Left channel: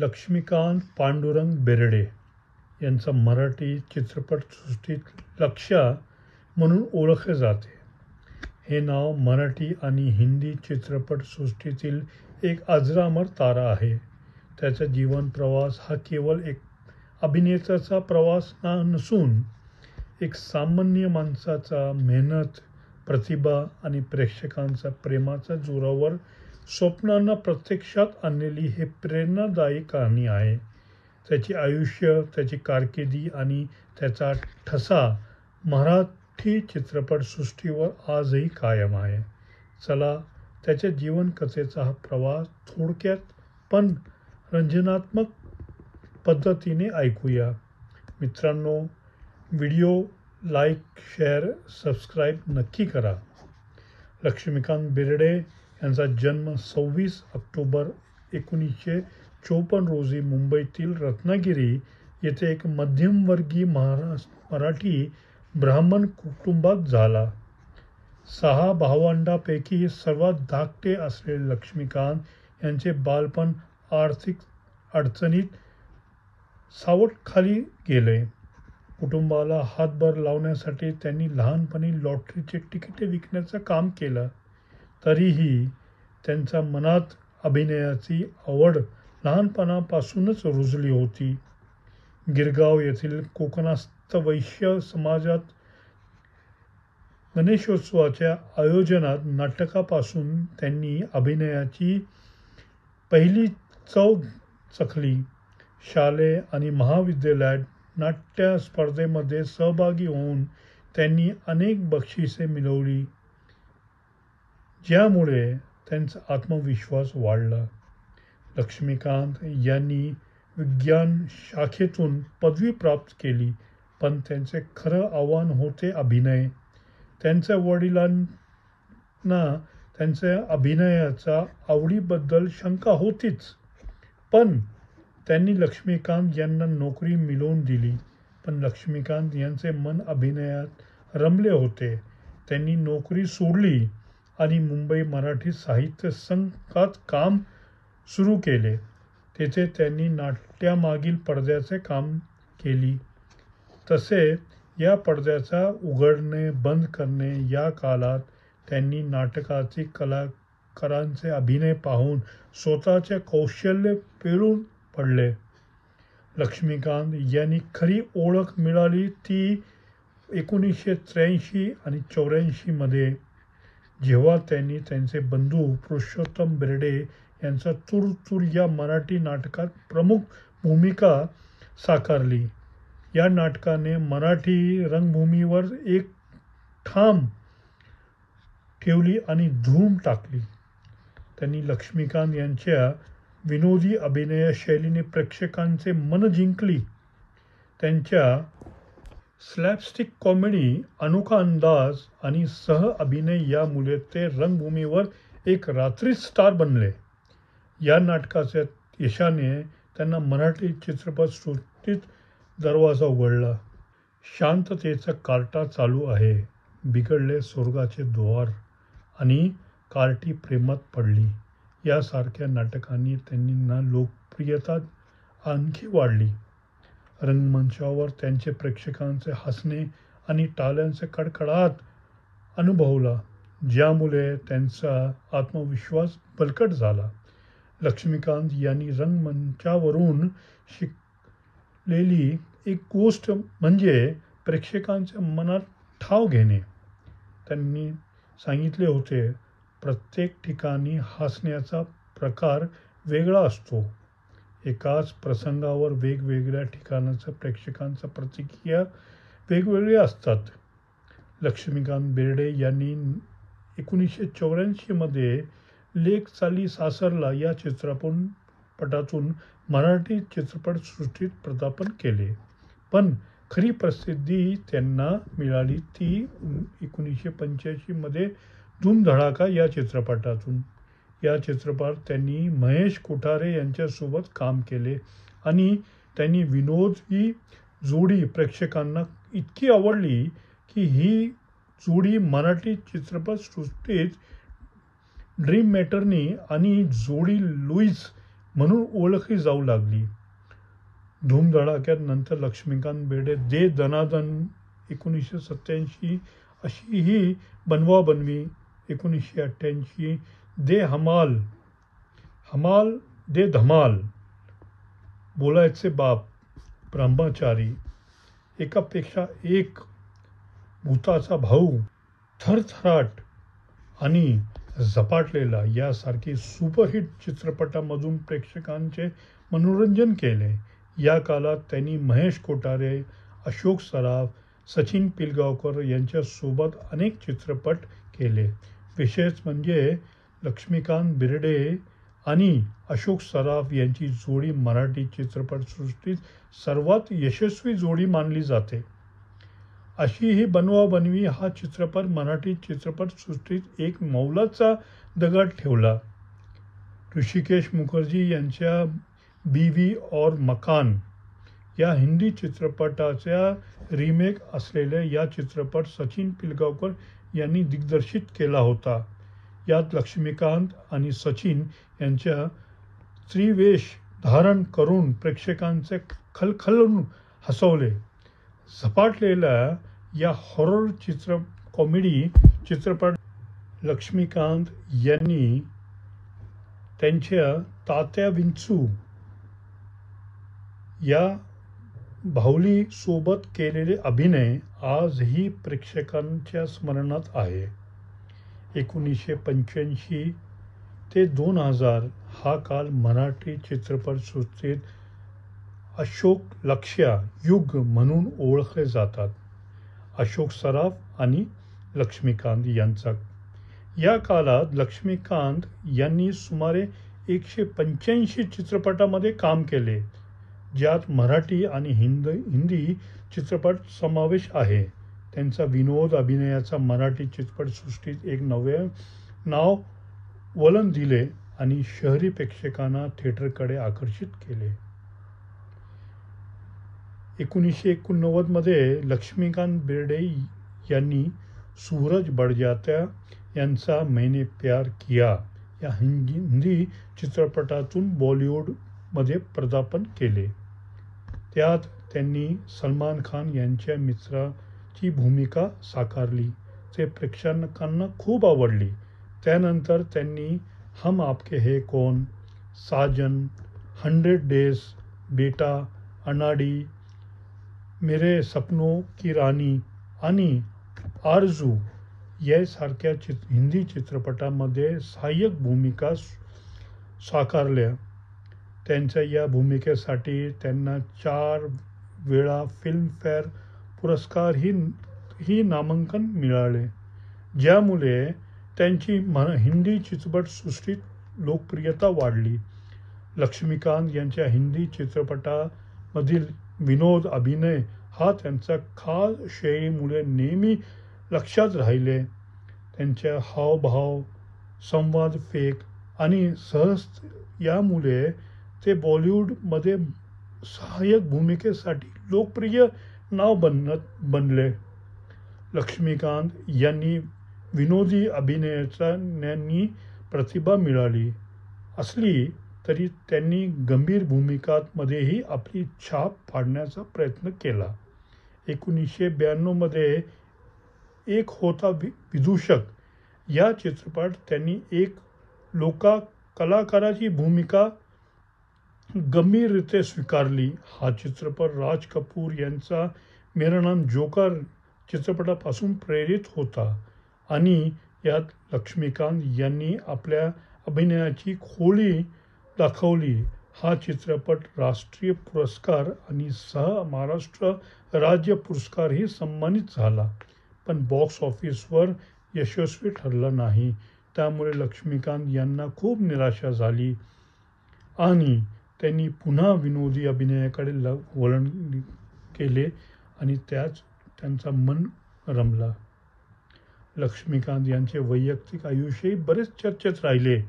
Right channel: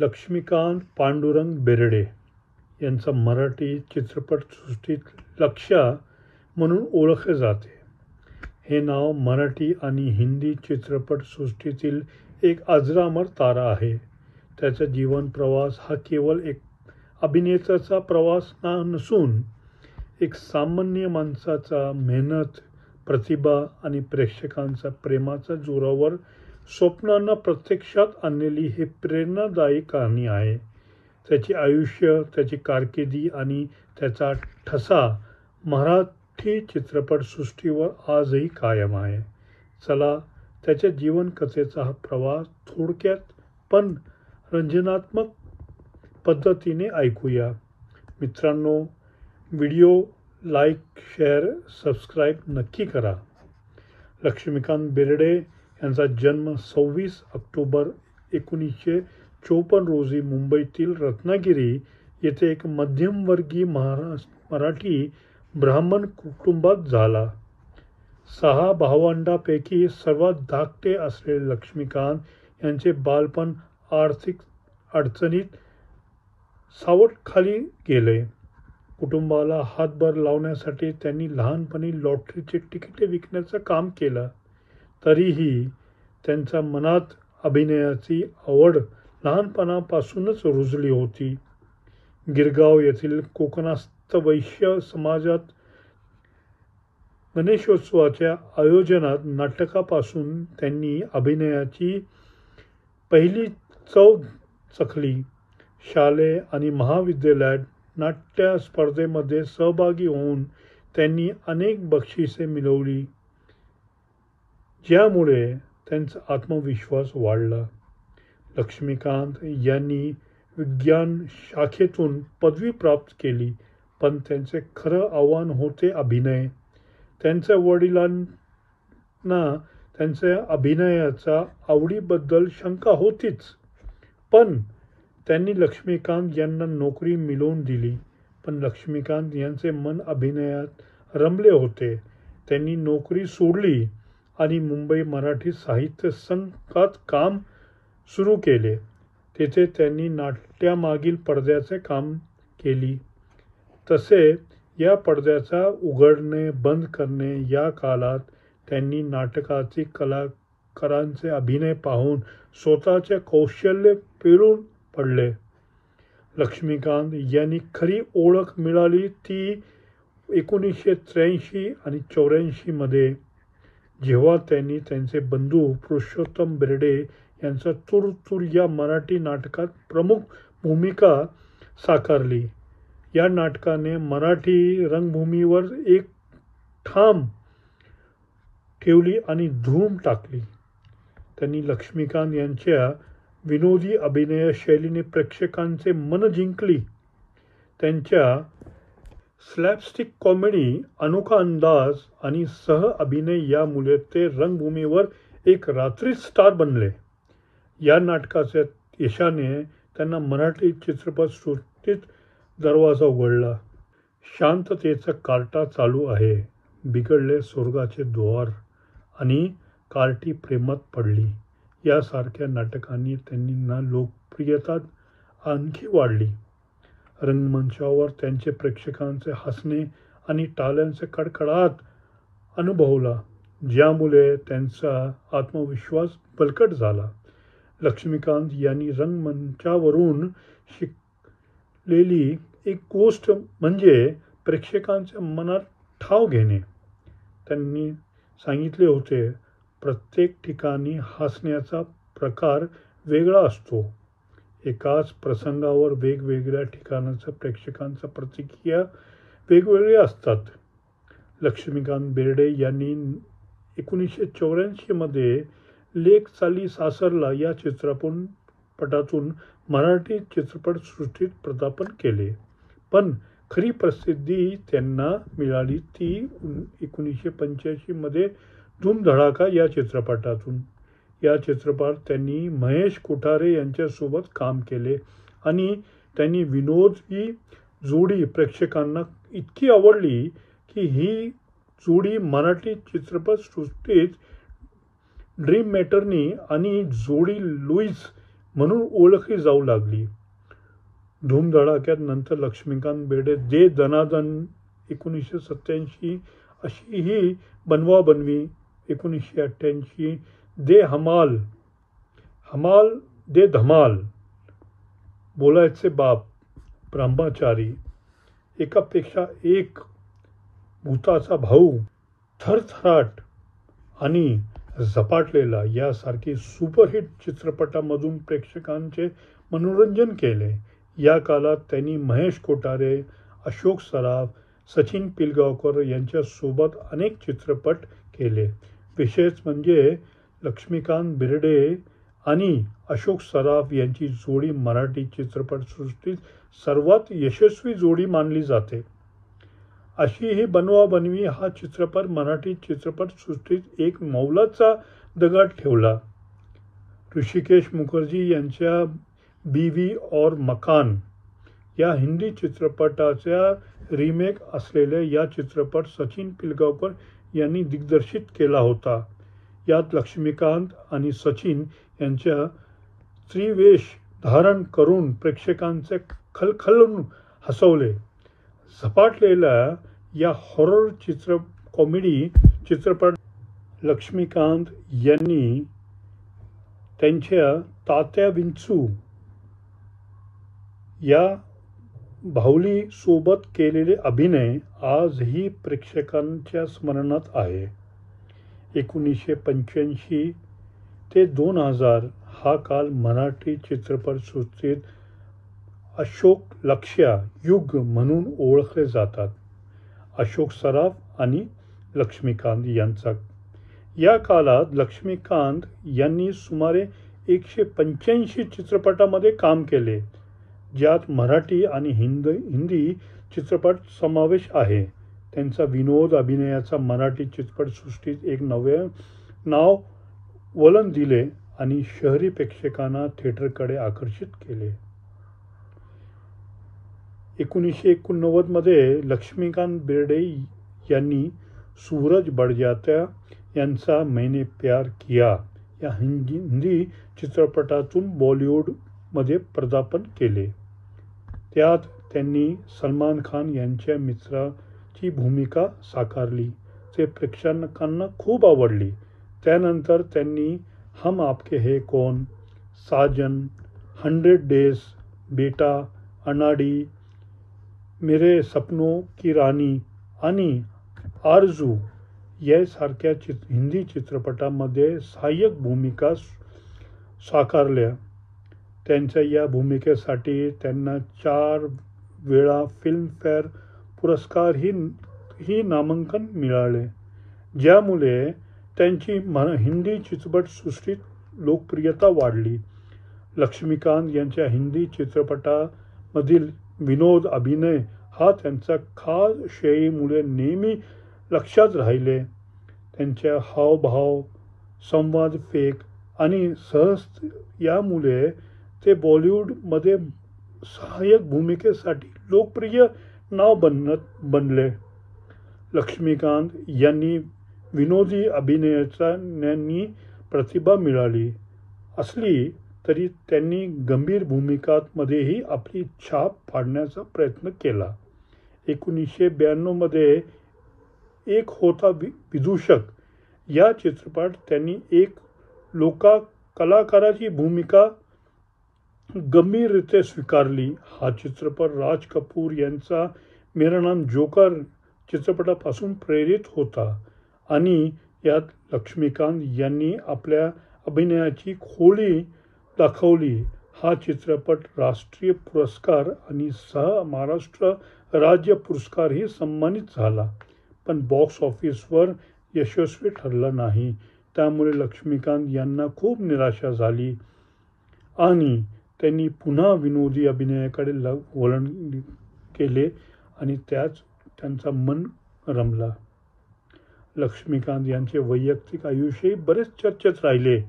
लक्ष्मीकांत पांडुरंग बेर्डे यांचा मराठी चित्रपटसृष्टीत लक्ष्या म्हणून ओळखले जाते. हे नाव मराठी आणि हिंदी चित्रपटसृष्टीतील एक अजरामर तारा आहे. त्याचा जीवन प्रवास हा केवळ एक अभिनेत्याचा प्रवास नसून एक सामान्य माणसाचा मेहनत, प्रतिभा आणि प्रेक्षकांच्या प्रेमाच्या जोरावर स्वप्नांना प्रत्यक्षात आणलेली ही प्रेरणादायी कहाणी आहे. त्याचे आयुष्य, त्याची कारकिर्दी आणि त्याचा ठसा मराठी चित्रपटसृष्टीवर आजही कायम आहे. चला त्याच्या जीवनकथेचा हा प्रवास थोडक्यात पण रंजनात्मक पद्धतीने ऐकूया. मित्रांनो, व्हिडिओ लाईक, शेअर, सबस्क्राईब नक्की करा. लक्ष्मीकांत बेर्डे यांचा जन्म 26 ऑक्टोबर 1954 रोजी मुंबईतील रत्नागिरी येथे एक मध्यमवर्गीय मराठी ब्राह्मण कुटुंबात झाला. 6 भावंडांपैकी सर्वात धाकटे असलेले लक्ष्मीकांत यांचे बालपण आर्थिक अडचणीत सावटखाली गेले. कुटुंबाला हातभार लावण्यासाठी त्यांनी लहानपणी लॉटरीची तिकिटे विकण्याचं काम केलं. तरीही त्यांच्या मनात अभिनयाची आवड लहानपणापासूनच रुजली होती. गिरगाव येथील कोकणस्थ वैश्य समाजात गणेशोत्सवाच्या आयोजनात नाटकापासून त्यांनी अभिनयाची पहिली चव चखली. शालेय आणि महाविद्यालयात नाट्य स्पर्धेमध्ये सहभागी होऊन त्यांनी अनेक बक्षिसे मिळवली, ज्यामुळे त्यांचा आत्मविश्वास वाढला. लक्ष्मीकांत यांनी विज्ञान शाखेतून पदवी प्राप्त केली, पण त्यांचे खरं आव्हान होते अभिनय. त्यांच्या वडिलांना त्यांच्या अभिनयाच्या आवडीबद्दल शंका होतीच, पण त्यांनी लक्ष्मीकांत यांना नोकरी मिळवून दिली. पण लक्ष्मीकांत यांचे मन अभिनयात रमले होते. त्यांनी नोकरी सोडली आणि मुंबई मराठी साहित्य संघात काम सुरू केले. तेथे त्यांनी नाट्यामागील पडद्याचे काम केले. तसेच या पडद्याचा उघडणे बंद करणे या काळात त्यांनी नाटकातील कलाकारांचे अभिनय पाहून स्वतःचे कौशल्य पेलून पडले. लक्ष्मीकांत यांनी खरी ओळख मिळाली ती 1983 आणि 84 मध्ये, जेव्हा त्यांनी त्यांचे बंधू पुरुषोत्तम बेर्डे यांच्या तूर तूर या मराठी नाटकात प्रमुख भूमिका साकारली. या नाटकाने मराठी रंगभूमीवर एक ठाम ठेवली आणि धूम टाकली. त्यांनी लक्ष्मीकांत यांच्या विनोदी अभिनय शैलीने प्रेक्षकांचे मन जिंकली. त्यांच्या स्लॅपस्टिक कॉमेडी, अनोखा अंदाज आणि सह अभिनय यामुळे ते रंगभूमीवर एक रात्री स्टार बनले. या नाटकाच्या यशाने त्यांना मराठी चित्रपटसृष्टीत दरवाजा उघडला. शांततेचा कार्टा चालू आहे, बिघडले स्वर्गाचे द्वार आणि कार्टी प्रेमात पडली यासारख्या नाटकांनी त्यांना लोकप्रियता आणखी वाढली. रंगमंचावर त्यांचे प्रेक्षकांचे हसणे आणि टाळ्यांचे कडकडाट अनुभवला, ज्यामुळे त्यांचा आत्मविश्वास बळकट झाला. लक्ष्मीकांत यांनी रंगमंचावरून शिकलेली एक गोष्ट म्हणजे प्रेक्षकांच्या मनात ठाव घेणे. त्यांनी सांगितले होते, प्रत्येक ठिकाणी हसण्याचा प्रकार वेगळा असतो. एकाच प्रसंगावर वेगवेगळ्या ठिकाणच्या प्रेक्षकांच्या प्रतिक्रिया वेगवेगळ्या असतात. लक्ष्मीकांत बेर्डे यांनी 1984 मध्ये लेक चाली सासरला या चित्रपटातून मराठी चित्रपटसृष्टीत पदार्पण केले. पण खरी प्रसिद्धी त्यांना मिळाली ती 1985 मध्ये धूमधडाका या चित्रपटातून. या चित्रपटात त्यांनी महेश कोठारे यांच्यासोबत काम केले आणि त्यांनी विनोदी जोडी प्रेक्षकांना इतकी आवडली की ही जोडी मराठी चित्रपटसृष्टीत ड्रीम मॅटर्नी आणि जोडी लुईस म्हणून ओळखली जाऊ लागली. धूमधडाक्यात नंतर लक्ष्मीकांत बेर्डे दे दनादन 1987, अशी ही बनवाबनवी 1988, दे हमाल, हमाल दे धमाल, बोलायचे बाप, ब्रह्मचारी, एकापेक्षा एक, भूताचा भाऊ, थरथराट आणि झपाटलेला यासारखी सुपरहिट चित्रपटामधून प्रेक्षकांचे मनोरंजन केले. या काळात त्यांनी महेश कोठारे, अशोक सराफ, सचिन पिलगावकर यांच्यासोबत अनेक चित्रपट केले. विशेष म्हणजे लक्ष्मीकांत बेर्डे आणि अशोक सराफ यांची जोडी मराठी चित्रपटसृष्टीत सर्वात यशस्वी जोडी मानली जाते. अशी ही बनवाबनवी हा चित्रपट मराठी चित्रपटसृष्टीत एक मौलाचा दगड ठेवला. ऋषिकेश मुखर्जी यांच्या बीवी और मकान या हिंदी चित्रपटाचा रिमेक असलेल्या या चित्रपट सचिन पिलगावकर यांनी दिग्दर्शित केला होता. यात लक्ष्मीकांत आणि सचिन यांच्या त्रिवेश धारण करून प्रेक्षकांचे खलखलून हसवले. झपाटलेल्या या हॉरर कॉमेडी चित्रपट लक्ष्मीकांत यांनी त्यांच्या तात्या विंचू या बाहुली सोबत केलेले अभिनय आजही प्रेक्षकांच्या स्मरणात आहे. 1985 ते 2000 हा काळ मराठी चित्रपटसृष्टीत अशोक लक्ष्या युग म्हणून ओळखले जातात. अशोक सराफ आणि लक्ष्मीकांत यांचा. या काळात लक्ष्मीकांत यांनी सुमारे 185 चित्रपटामध्ये काम केले, ज्यात मराठी आणि हिंदी चित्रपट समावेश आहे. त्यांचा विनोद अभिनयाचा मराठी चित्रपटसृष्टीत एक नवे नाव वळण दिले आणि शहरी प्रेक्षकांना थिएटरकडे आकर्षित केले. 1989 मध्ये लक्ष्मीकांत बेर्डे यांनी सूरज बडजात्या यांचा मैंने प्यार किया या हिंदी चित्रपटातून बॉलिवूडमध्ये पदार्पण केले. त्यात त्यांनी सलमान खान यांच्या मित्राची भूमिका साकारली, जे प्रेक्षकांना खूप आवडली. त्यानंतर त्यांनी हम आपके है कौन, साजन, 100 डेज, बेटा, अनाडी, मेरे सपनों की रानी आणि आरजू यासारख्या हिंदी चित्रपटामध्ये सहाय्यक भूमिका साकारल्या. त्यांच्या या भूमिकेसाठी त्यांना 4 वेळा फिल्मफेअर पुरस्कारही नामांकन मिळाले, ज्यामुळे त्यांची हिंदी चित्रपटसृष्टीत लोकप्रियता वाढली. लक्ष्मीकांत यांच्या हिंदी चित्रपटामधील विनोद अभिनय हा त्यांच्या खास शैलीमुळे नेहमी लक्षात राहिले. त्यांच्या हावभाव, संवाद फेक आणि सहज यामुळे ते बॉलिवूडमध्ये सहाय्यक भूमिकेसाठी लोकप्रिय नाव बनले. लक्ष्मीकांत यांनी विनोदी अभिनयाची प्रतिभा मिळाली असली तरी त्यांनी गंभीर भूमिकांमध्येही आपली छाप पाडण्याचा प्रयत्न केला. 1992 मध्ये एक होता विदूषक या चित्रपटात त्यांनी एक कलाकाराची भूमिका गंभीररीत्या स्वीकारली. हा चित्रपट राज कपूर यांचा मेरा नाम जोकर चित्रपटापासून प्रेरित होता आणि यात लक्ष्मीकांत यांनी आपल्या अभिनयाची खोली दाखवली. हा चित्रपट राष्ट्रीय पुरस्कार आणि महाराष्ट्र राज्य पुरस्कारही सन्मानित झाला, पण बॉक्स ऑफिसवर यशस्वी ठरला नाही. त्यामुळे लक्ष्मीकांत यांना खूप निराशा झाली आणि त्यांनी पुन्हा विनोदी अभिनयाकडे वळण केले आणि त्याच त्यांचा मन रमला. लक्ष्मीकांत यांचे वैयक्तिक आयुष्यही बरेच चर्चेत राहिले.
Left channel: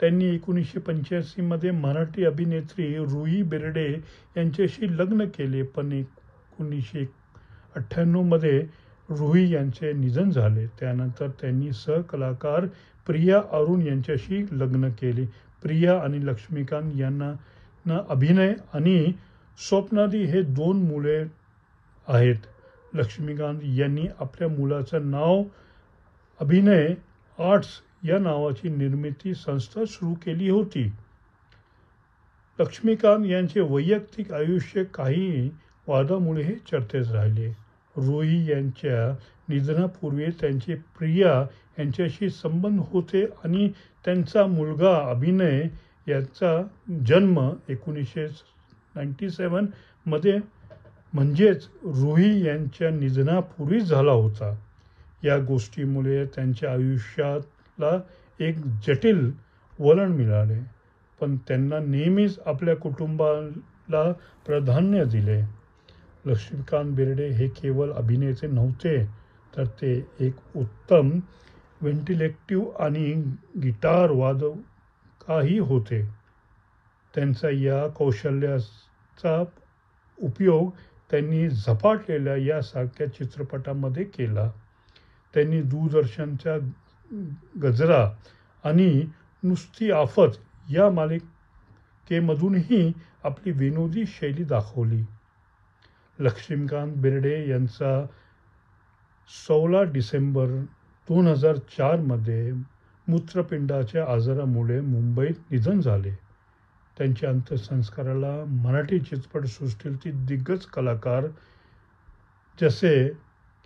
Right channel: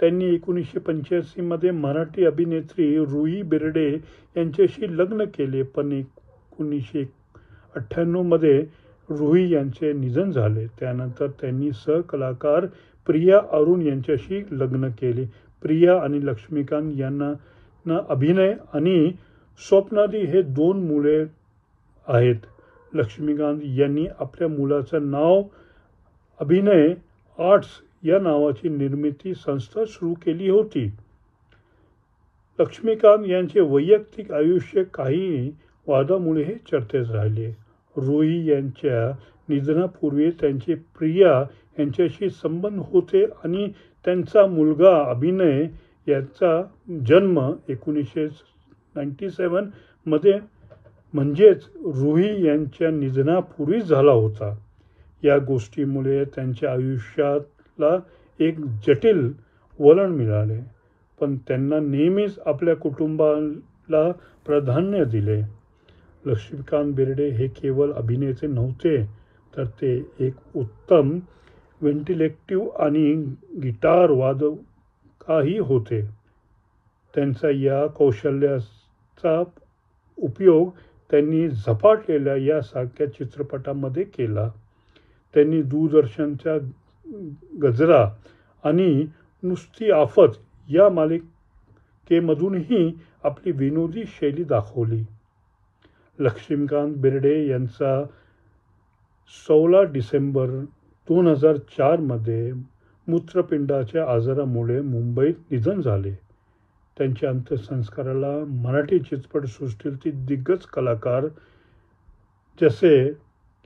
त्यांनी 1985 मध्ये मराठी अभिनेत्री रुही बेर्डे यांच्याशी लग्न केले, पण 1998 मध्ये रुही यांचे निधन झाले. त्यानंतर त्यांनी सहकलाकार प्रिया अरुण यांच्याशी लग्न केले. प्रिया आणि लक्ष्मीकांत यांना अभिनय आणि स्वप्नाली हे 2 मुले आहेत. लक्ष्मीकांत यांनी आपल्या मुलाचं नाव अभिनय आर्ट्स या नावाची निर्मिती संस्था सुरू केली होती. लक्ष्मीकांत यांचे वैयक्तिक आयुष्य काही वादामुळे चर्चेत राहिले. रुही यांच्या निधनापूर्वी त्यांची प्रिया यांच्याशी संबंध होते आणि त्यांचा मुलगा अभिनय याचा जन्म 1997 मध्ये म्हणजेच रुही यांच्या निधनापूर्वी झाला होता. या गोष्टीमुळे त्यांच्या आयुष्याला एक जटिल वळण मिळाले, पण त्यांना नेहमीच आपल्या कुटुंबाला प्राधान्य दिले. लक्ष्मीकांत बेर्डे हे केवळ अभिनेते नव्हते, तर ते एक उत्तम व्हेंटिलेटिव्ह आणि गिटार वादकही होते. त्यांच्या या कौशल्याचा उपयोग त्यांनी झपाटलेल्या यासारख्या चित्रपटामध्ये केला. त्यांनी दूरदर्शनच्या गजरा आणि नुसती आफत या मालिकेमधूनही आपली विनोदी शैली दाखवली. लक्ष्मीकांत बेर्डे यांचा 16 डिसेंबर 2004 मध्ये मूत्रपिंडाच्या आजारामुळे मुंबईत निधन झाले. त्यांच्या अंत्यसंस्काराला मराठी चित्रपटसृष्टीतील दिग्गज कलाकार जसे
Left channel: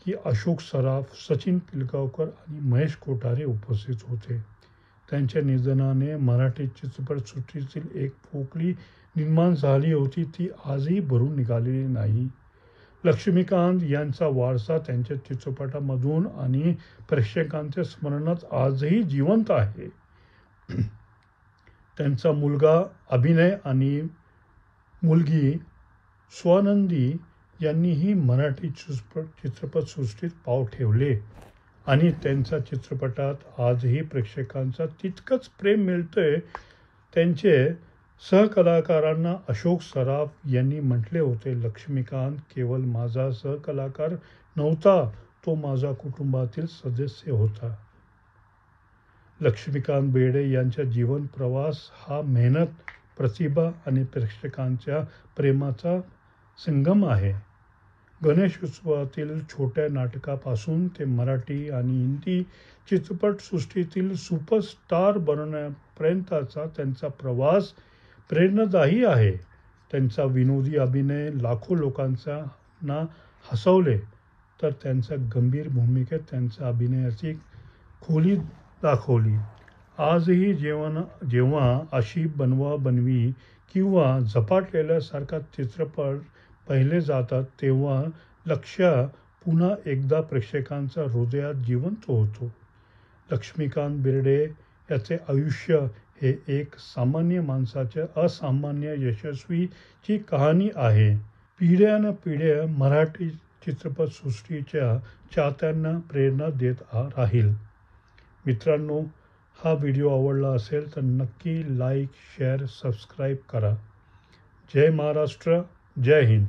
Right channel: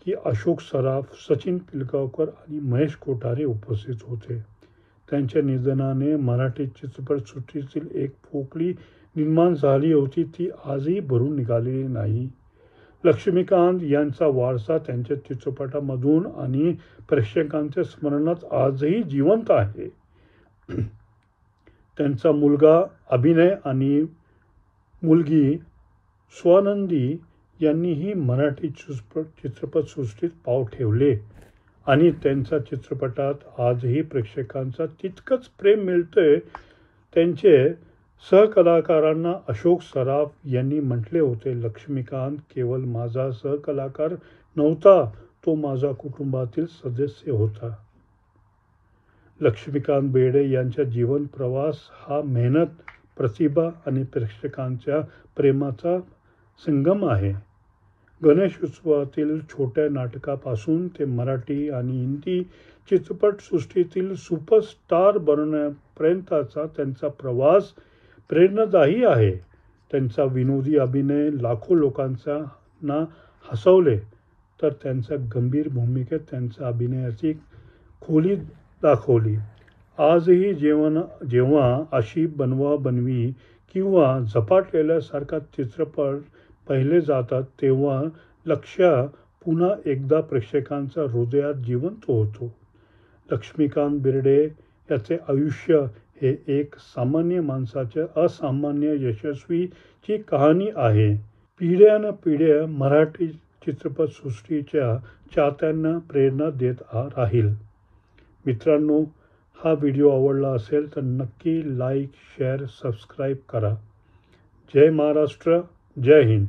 की अशोक सराफ, सचिन पिलगावकर आणि महेश कोठारे उपस्थित होते. त्यांच्या निधनाने मराठी चित्रपटसृष्टीतील एक पोकळी निर्माण झाली होती, ती आजही भरून निघालेली नाही. लक्ष्मीकांत यांचा वारसा त्यांच्या चित्रपटांमधून आणि प्रेक्षकांच्या स्मरणात आजही जिवंत आहे. त्यांचा मुलगा अभिनय आणि मुलगी स्वानंदी यांनीही मराठी चित्रपटसृष्टीत पाव ठेवले आणि त्यांच्या चित्रपटात आजही प्रेक्षकांचा तितकंच प्रेम मिळतंय. त्यांचे सहकलाकारांना अशोक सराफ यांनी म्हटले होते, लक्ष्मीकांत केवळ माझा सहकलाकार नव्हता, तो माझा कुटुंबातील सदस्य होता. लक्ष्मीकांत बेर्डे यांचा जीवन प्रवास हा मेहनत, प्रतिभा आणि प्रेक्षकांच्या प्रेमाचा संगम आहे. गणेश उत्सवातील छोट्या नाटकापासून ते मराठी आणि हिंदी चित्रपटसृष्टीतील सुपरस्टार बनण्यापर्यंतचा त्यांचा प्रवास प्रेरणादायी आहे. त्यांचा विनोदी अभिनय लाखो लोकांना हसवले, तर त्यांच्या गंभीर भूमिकेत त्यांच्या अभिनयाची खोली दाखवली. आजही जेव्हा अशी बनवा-बनवी किंवा झपाटलेल्यासारखा चित्रपट पाहिले जातात, तेव्हा लक्ष्य पुन्हा एकदा प्रेक्षकांच्या हृदयात जिवंत होतो. लक्ष्मीकांत बेर्डे याचे आयुष्य हे एक सामान्य माणसाच्या असामान्य यशस्वीची कहाणी आहे. पिढ्यानपिढ्या मराठी चित्रपटसृष्टीच्या चाहत्यांना प्रेरणा देत राहील. मित्रांनो, हा व्हिडिओ आवडला असेल तर नक्की लाईक, शेअर, सबस्क्राईब करा. जय महाराष्ट्र, जय हिंद.